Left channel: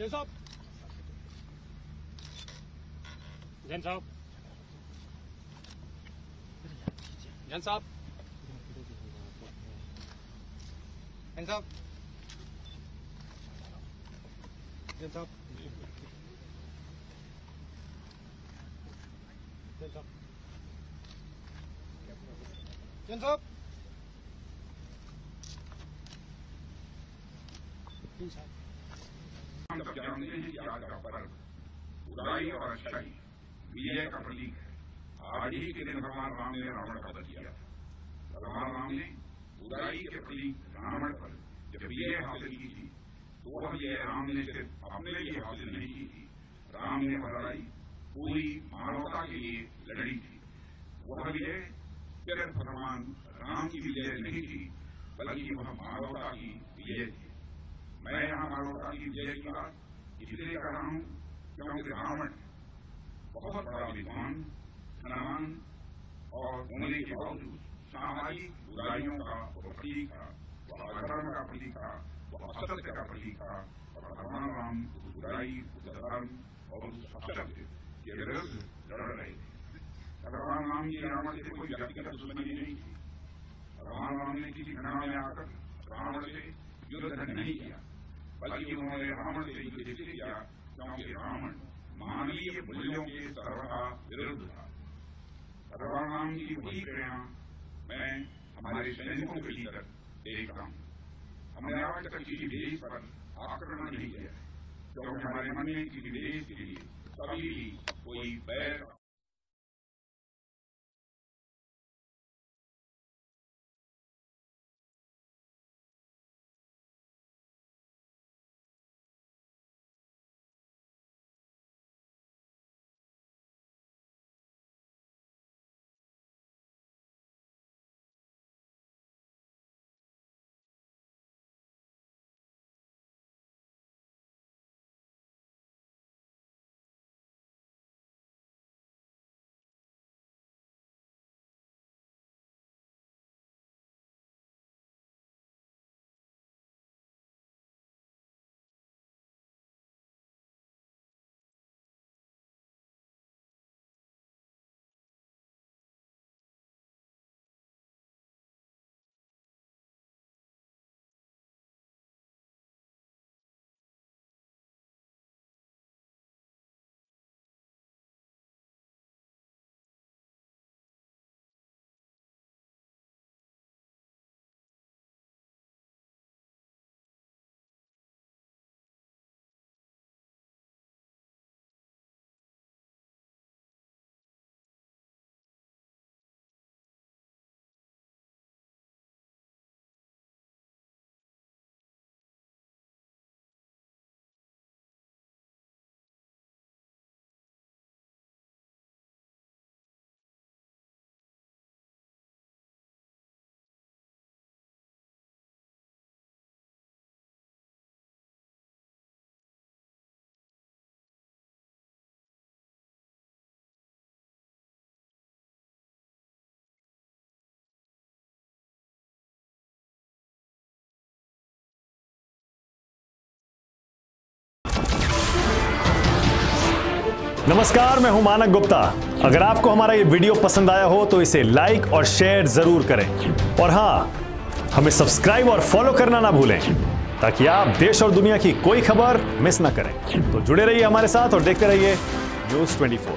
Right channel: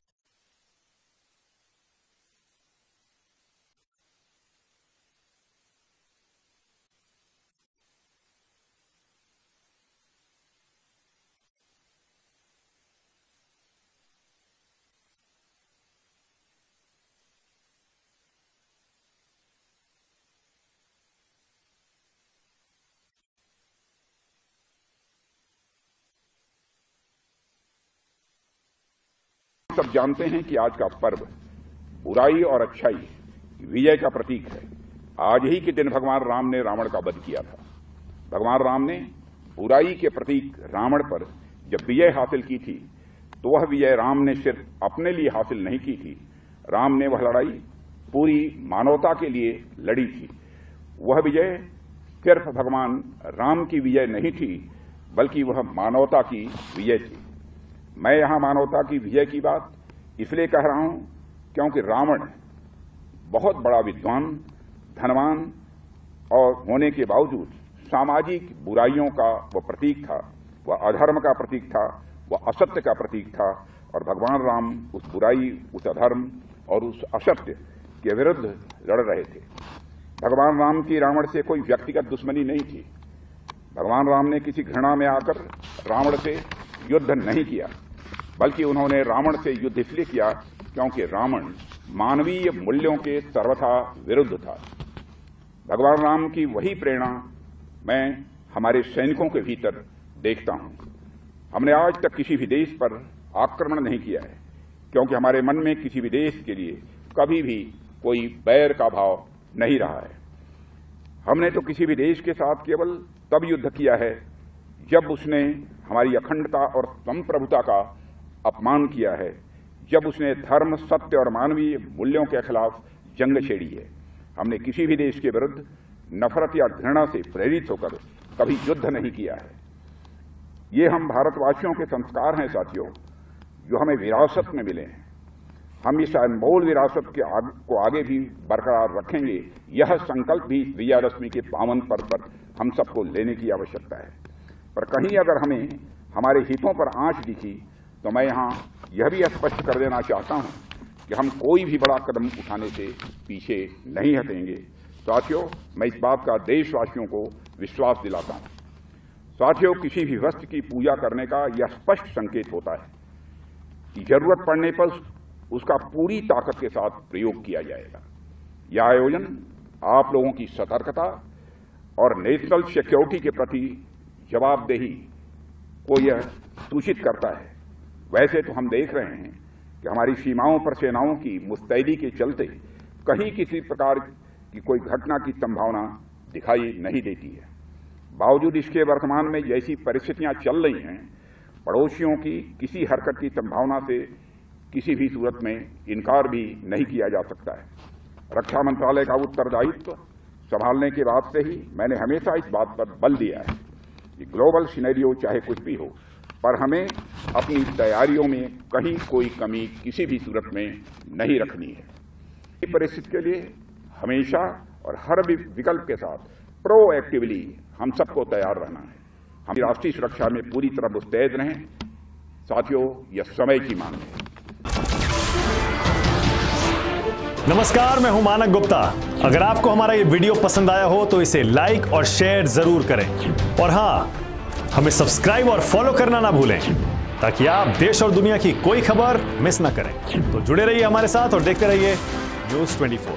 जैन साहब, जैन साहब, जैन साहब, जैन साहब, जैन साहब, जैन साहब, सब जानते हैं कि आज का पर्व बुराई और अच्छाई विजय का प्रतीक है। आज ही के दिन भगवान राम ने रावण का वध किया था। भगवान राम ने बुराई के प्रतीक रावण पर जब विजय हासिल की थी तो वह विजय राम ने सिर्फ अपने लिए हासिल नहीं की थी। राम ने वह लड़ाई पूरी मानवता के लिए लड़ी थी। वह विजय सिर्फ भगवान राम की विजय नहीं थी, बल्कि वह मानवता की विजय थी। मैं यहां मानवता की विजय की बात इसलिए कह रहा हूं क्योंकि रावण बहुत बड़ा विद्वान, धनवान और होने के बावजूद सामाजिक बुराइयों का वह प्रतीक था। वह अधर्म का प्रतीक था, वह असत्य का प्रतीक था। और भगवान राम उस बुराई, उस अधर्म और उस असत्य के विरुद्ध लड़ रहे थे। भगवान राम की रावण से कोई व्यक्तिगत दुश्मनी नहीं थी। भगवान राम ने किसी घृणा में आकर रावण से युद्ध नहीं किया, बल्कि उन्होंने रावण से युद्ध इसलिए किया क्योंकि रावण मानवीय मूल्यों के सर्वथा विरुद्ध था। भगवान राम की वही प्रेरणा मैं हमारे सैनिकों के भीतर देखता हूं। हमने आज तक किसी भी देश पर आक्रमण नहीं किया है, क्योंकि हमारे मन में किसी भी देश के लिए कभी भी कोई बैर का भाव नहीं रहा है। हमने तो किसी भी देश के साथ केवल तब युद्ध किया है जब उसने हमारी अखंडता और संप्रभुता का अपमान किया है, जब उसने धर्म, सत्य और मानवीय मूल्यों के खिलाफ जंग छेड़ी है। हमने किसी भी देश के विरुद्ध नफरत या घृणा से प्रेरित होकर कभी युद्ध नहीं किया है। ये हम भारतवासियों के संस्कार हैं साथियों, जो हमें विरासत में मिले हैं। हम इस अनमोल विरासत को आगे भी बरकरार रखेंगे। यह संकल्प भी विजयादशमी के पावन पर्व पर हम सबको लेने की आवश्यकता है। पर कहीं अगर हमें हमारे हितों पर आंच दिखी तो मैं यहां यह भी स्पष्ट कर देना चाहता हूं कि हम कोई भी बड़ा कदम उठाने से पीछे नहीं हटेंगे। साथियों, मैं इस बात का देशवासियों को विश्वास दिलाता हूं। साथियों, किसी भी वस्तु की पूजा करने का यह स्पष्ट संकेत होता है कि जरूरत पड़ने पर उसका पूरी ताकत के साथ प्रयोग किया जाएगा। यह आयोजन आप लोगों की सतर्कता और नेशनल सिक्योरिटी के प्रति जवाबदेही को यह सूचित करता है। वैसे तो हम देख रहे हैं कि हमारी सीमाओं पर सेनाओं की मुस्तैदी के चलते कहीं किसी प्रकार की कोई घटना की संभावना दिखाई नहीं देती है। बावजूद इसके वर्तमान में जैसी परिस्थितियां चल रही हैं, पड़ोसियों की किसी हरकत की संभावना से किसी भी सूरत में इनकार भी नहीं किया जा सकता है। रक्षा मंत्रालय का उत्तरदायित्व संभालने के बाद से ही मैंने हमेशा इस बात पर बल दिया है कि ग्लोबल सिनेरियो चाहे कुछ भी हो, पर हमें अपनी तैयारियों में कहीं कोई कमी किसी भी सूरत में नहीं रखनी है। इस परिस्थिति के लिए हमेशा और हर विकल्प के साथ प्रोएक्टिवली हम सबको तैयार रहना है। हम राष्ट्रीय सुरक्षा में पूरी तरह मुस्तैद रहें। साथियों, यह समय की मांग है। नमस्कार, मैं हूं मानक गुप्ता। अगर आपको हमारा ये वीडियो पसंद आया हो तो इसे लाइक और शेयर जरूर करें, और हां, हमें सब्सक्राइब और फॉलो करना ना भूलें ताकि आप देश और दुनिया की कोई खबर मिस ना करें। तो जुड़े रहिए हमारे साथ और देखते रहिए न्यूज़ 24।